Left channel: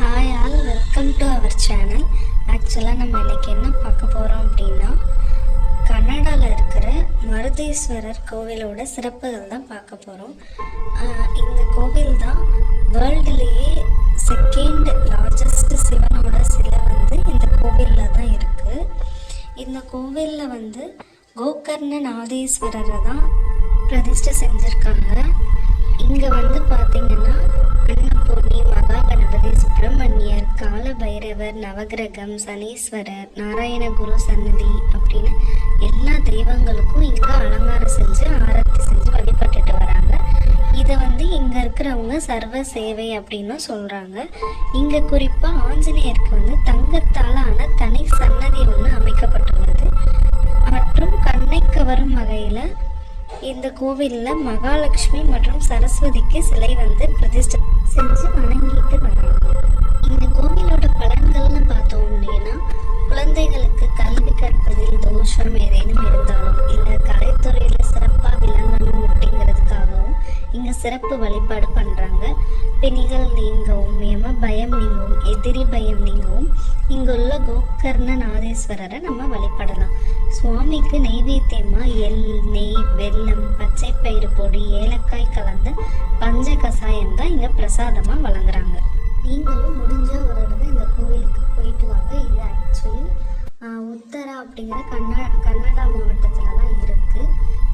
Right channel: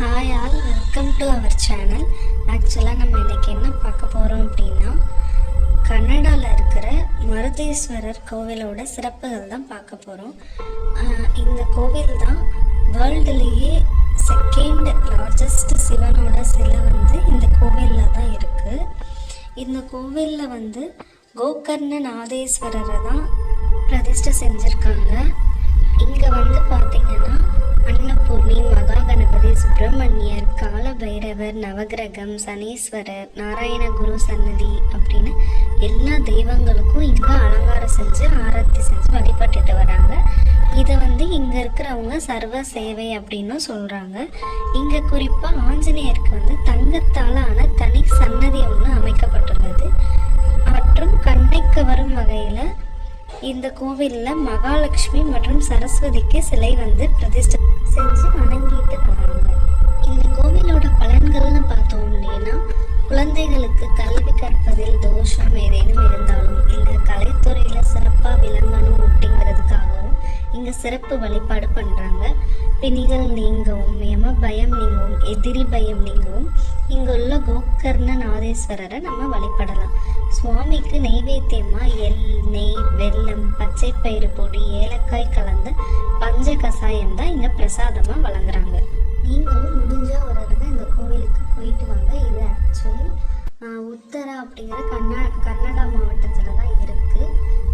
Hi all, welcome to our channel. ஆக்சுவலாக நம்ம இன்றைக்கி என்ன பார்க்க போகிறோம் அப்படின்னா, கன்னடாவில் இருக்கிற மருதேஸ்வரர் கோவிலோட சிறப்புகள் தான் பார்க்க போகிறோம். இந்த கோவில் தான் வேர்ல்டுலேயே செகண்ட் லார்ஜஸ்ட் சிவனோட சிலை இந்த கோவிலில் தான் இருக்குது. இந்த கோவிலில் கோகர்ணநாதேஸ்வரரை தான் பிரதிஷ்டை செஞ்சுருக்காங்க. இங்கே பார்த்தீங்கன்னா அன்னபூர்ணி, மகா கணபதி, சுப்பிரமணியர், கால பைரவர், நவகிரகம், சனீஸ்வரர், நாராயண குரு சன்னதி அப்படின்னு எல்லா தெய்வங்களுக்கும் இங்கே அலங்காரம் செஞ்சு ஆரத்தி செஞ்சு வழிபட்டுட்டு வராங்க. இதை இங்கே இருக்கிறவங்க சர்வ சேவை அப்படின்னு சொல்கிறாங்க. இங்கே குறிப்பாக ஆஞ்சநேயருக்கு தங்கத்தால் ஆன தனி சன்னதி ஒன்று அமைக்கப்பட்டுள்ளது. மற்றும் கண்ணைக்கு வரும் வகையில் இந்த கோவிலில் மகாலட்சுமி மற்றும் சரஸ்வதிக்கு சிலை பிரதிஷ்டை செஞ்சு வணங்கிட்டு வராங்க. இந்த கோவிலோட பலன்கள்னு பார்த்தோம் அப்படின்னா, குழந்தைகளுக்கு கல்வி கற்பதில் தோஷம் ஏதேனும் இருந்தாலும் இல்லை கலைத்துறையில் சிறப்பாக விளங்கணும் அப்படிங்கிறதுக்காகவும் இங்கே சிறப்பு வழிபாடு பண்ணுறாங்க. பிணிகள் நீங்கவும், யம பயம் நீங்கவும், எதிரி பயம் நீங்கவும் இங்குள்ள கோகர்ணநாதேஸ்வரரை நம்ம வழிபடலாம். சுவாமிக்கு நைவேத்தியமாக எள், நெய், வெல்லம், பச்சை பயிறு பொடி, ஏலக்காய் கலந்த பஞ்ச கசாயம் தான் இங்கே பிரசாதமாக வழங்குறாங்க. நீங்களும் முடிஞ்சால் ஒரு தடவை இந்த கோவிலுக்கு போயிட்டு வாங்க. இது ஆக்சுவலி உத்தரா அப்படிங்கிற கன்னடா மாவட்டத்தில் தான் இருக்குது.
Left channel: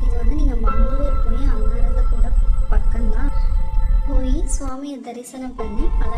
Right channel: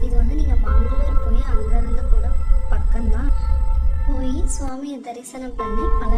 இது நீங்கள் மங்களூர் போய் அங்கேருந்து கூட பக்கம்தான். போய் சுவாமியை தரிசனம் பண்ணி பல